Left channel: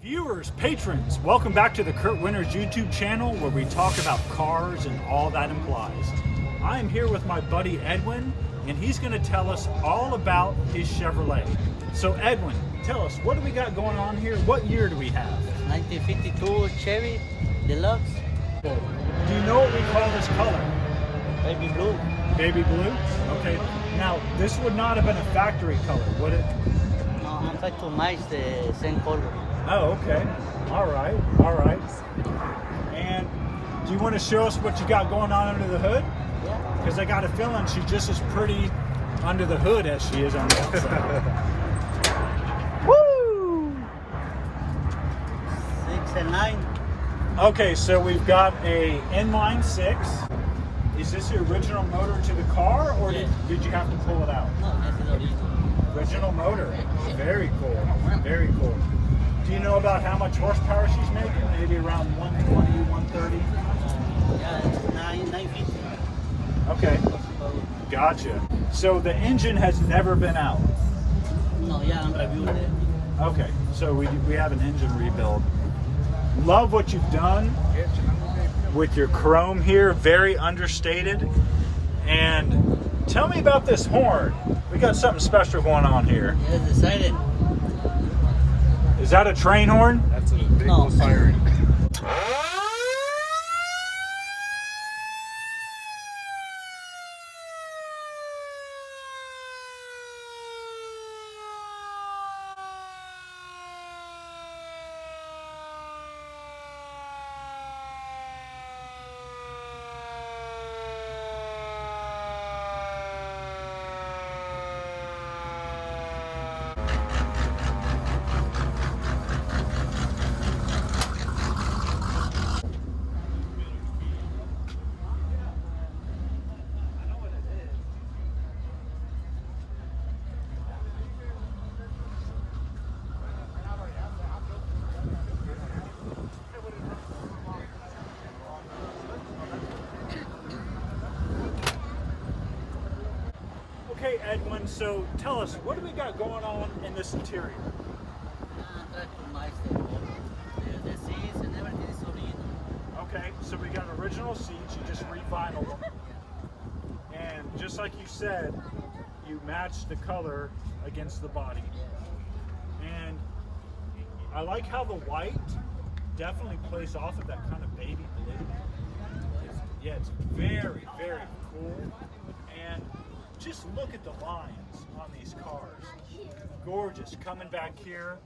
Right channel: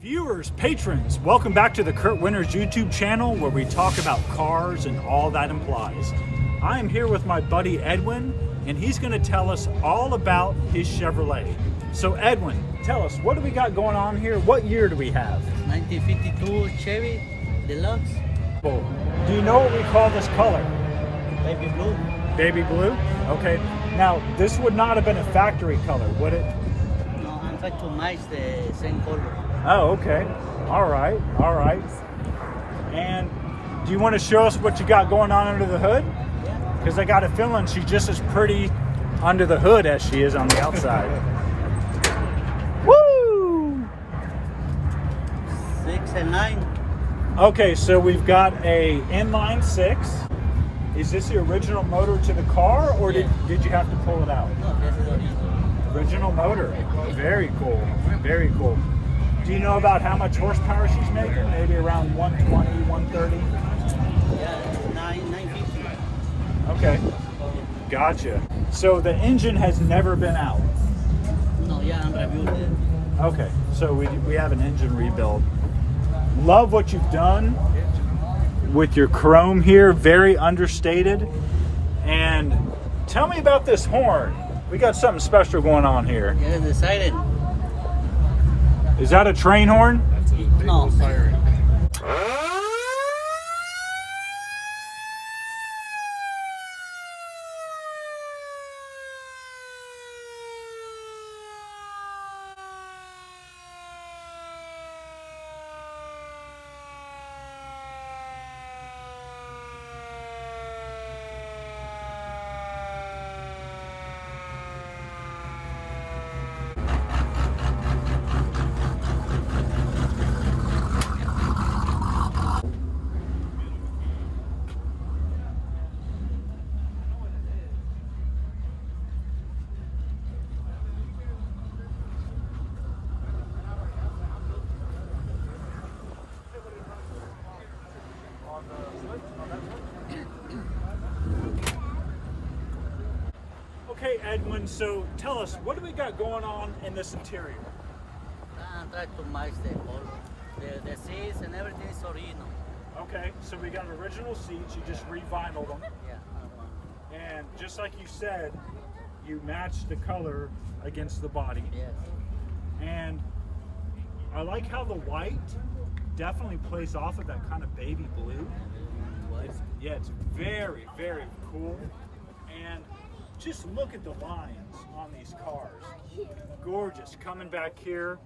Viewers, patrons, welcome back to the Kurt Winters YouTube channel where we talk about cars and all that implies. I am here with my buddy Edwin, and he's going to tell us all about his Chevrolet. So Edwin, tell us, what do we got going on here? What year do we have? 1952 Chevy Deluxe. Do you know what we call this color? Baby blue. Baby blue? Okay. Now, this would not have been a factory color, would it? No, I'm trying to match the same color. Oh, okay. All right. All right. And do you want to show us what you got going on under the hood? Yeah. Because I got a feeling she's just as pretty under the hood as she is on the outside. Woo! 6 and 9. Okay, so we've got a inline 6. Is this the original motor to the car, or Yeah. did you have to pull it out? No, this is the original. Original motor. Very cool. Very cool. Do you know about how much horsepower she's making? Maybe around 120, 130? Yeah, it's 950. Okay. Gotcha. So the engine has never been out. No, yeah, I'm reviewed it. Okay, so we have an engine rebuild. Love what you've done with your chrome here, very understated. And tell me about this horn. We got something special going on here. Yeah, it's the SIREN. Is that a train horn? That's a big No. siren. Okay, Edwin, so tell us, what do we got going on in this interior? I'm trying to match the color. The seats and everything is original. Okay, so we got original seats, you just re-vinyled them. Yeah, another one. And just like you said, you matched the color against the body. Yes. And I like how the white definitely plays off of that kind of baby blue. It's very, very cool. And just look at the lines on these cars. Gorgeous. Coming back here,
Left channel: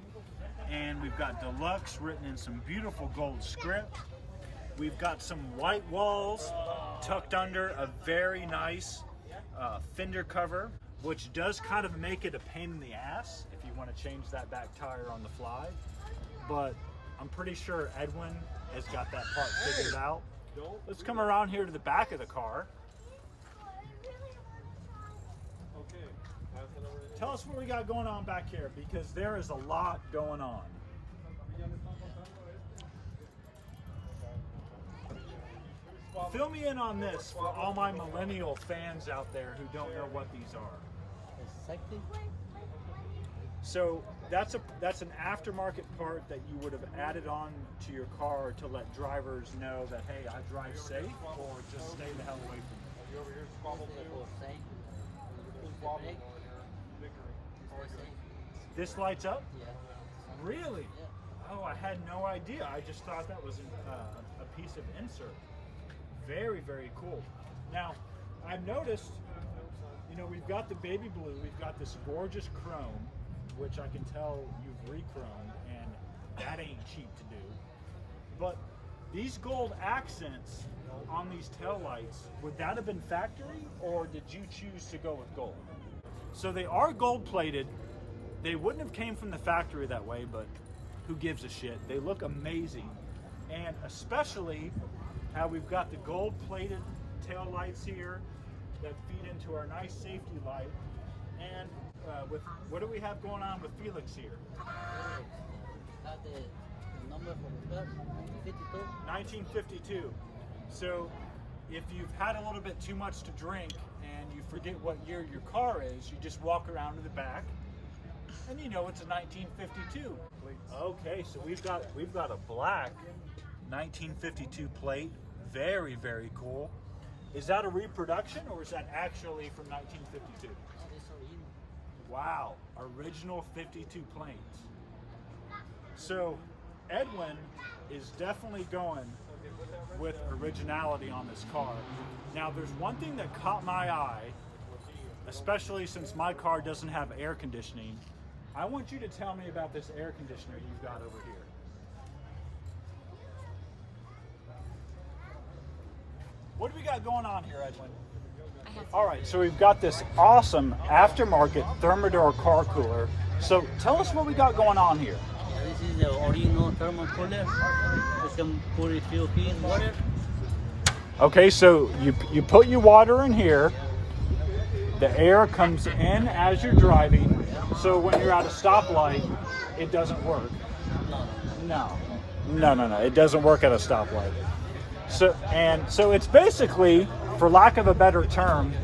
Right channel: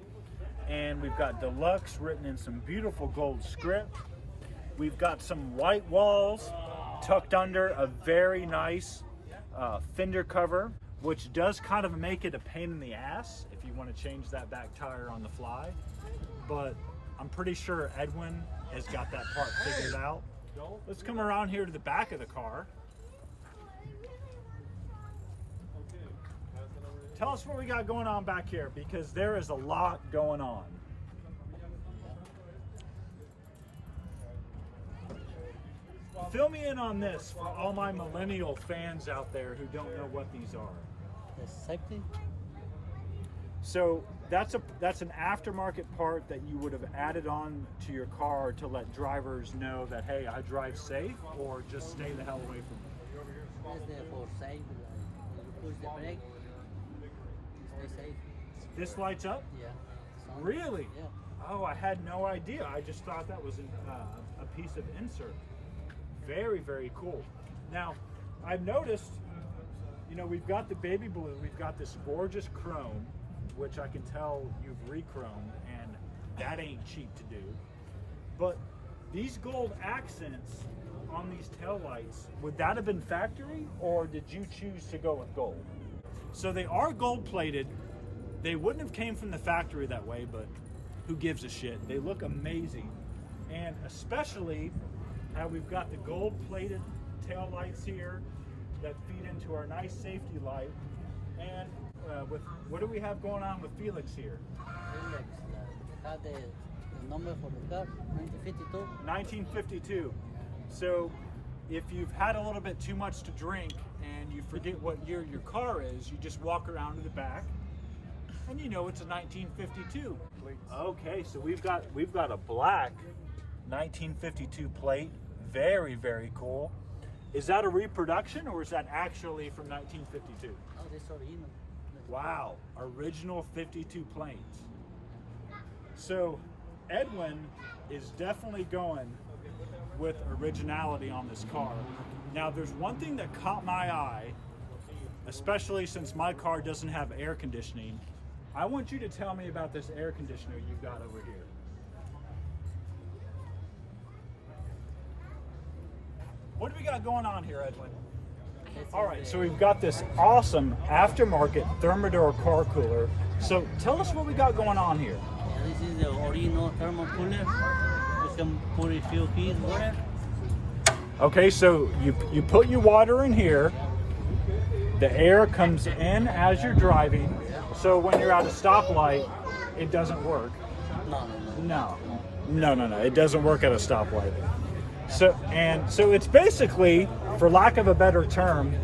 and we've got Deluxe written in some beautiful gold script. We've got some white walls tucked under a very nice fender cover, which does kind of make it a pain in the ass if you want to change that back tire on the fly. But I'm pretty sure Edwin has got that part figured out. Let's come around here to the back of the car. Tell us what we got going on back here, because there is a lot going on. Fill me in on this for all my millennial fans out there who don't know what these are. The safety? So that's an aftermarket part that you would have added on to your car to let drivers know that, hey, I drive safe, or just stay the hell away from me. This is for safe. Like when you push the brake, you stay safe. This lights up? Yeah. Really? Yeah. Oh, I had no idea. I just thought that was a piece of insert. Very, very cool. Now, I've noticed, you know, we've got the baby blue, we've got this gorgeous chrome, which I can tell you've re-chromed, and that ain't cheap to do. But these gold accents on these taillights, would that have been factory, or did you choose to go with gold? So they are gold plated. They wouldn't have came from the factory that way, but who gives a shit? They look amazing. And especially how we've got the gold plated tail lights here that feed into our nice safety light. And with what do we have going on with Felix here? Felix, had the number for the car, 1952. 1952. So if you've had a little bit too much to drink and you forget what year your car is, you just walk around to the back, And you know it's a 1952. Okay, so we've got a black 1952 plate. Very, very cool. Is that a reproduction or is that actually from 1952? Oh, that's original. Wow, original 52 plates. So Edwin is definitely going with originality on this car. Now there's one thing that caught my eye, especially since my car doesn't have air conditioning. I want you to tell me about this air conditioner you've got over here. What do we got going on here, Edwin? All right, so we've got this awesome aftermarket Thermador car cooler. So tell us what we got going on here. This is the original thermal cooler. We can put a few pieces water. Okay, so you put your water in here. The air comes in as you're driving. So when you're at a stoplight, it doesn't work. No, it doesn't work at a stoplight. So it's basically, for lack of a better term,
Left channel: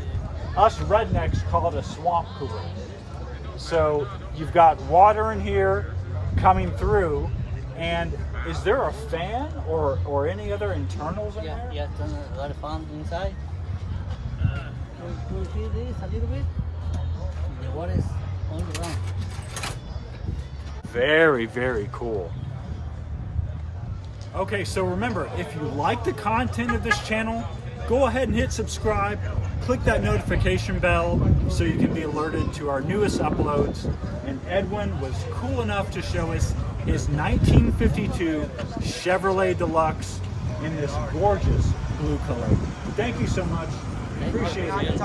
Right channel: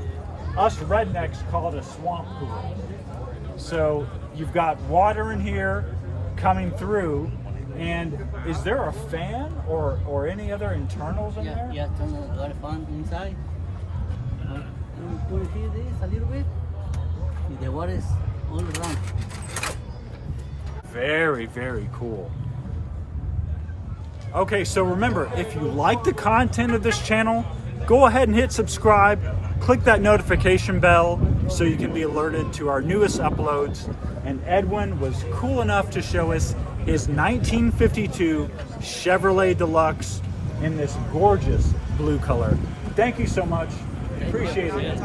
us rednecks call it a swamp cooler. So you've got water in here coming through, and is there a fan or any other internals in there? Yeah, there's a lot of fan inside. You see this a little bit? The water is all around. Very, very cool. Okay, so remember, if you like the content of this channel, go ahead and hit subscribe, click that notification bell so you can be alerted to our newest uploads. And Edwin was cool enough to show us his 1952 Chevrolet Deluxe in this gorgeous blue color. Thank you so much. Appreciate it.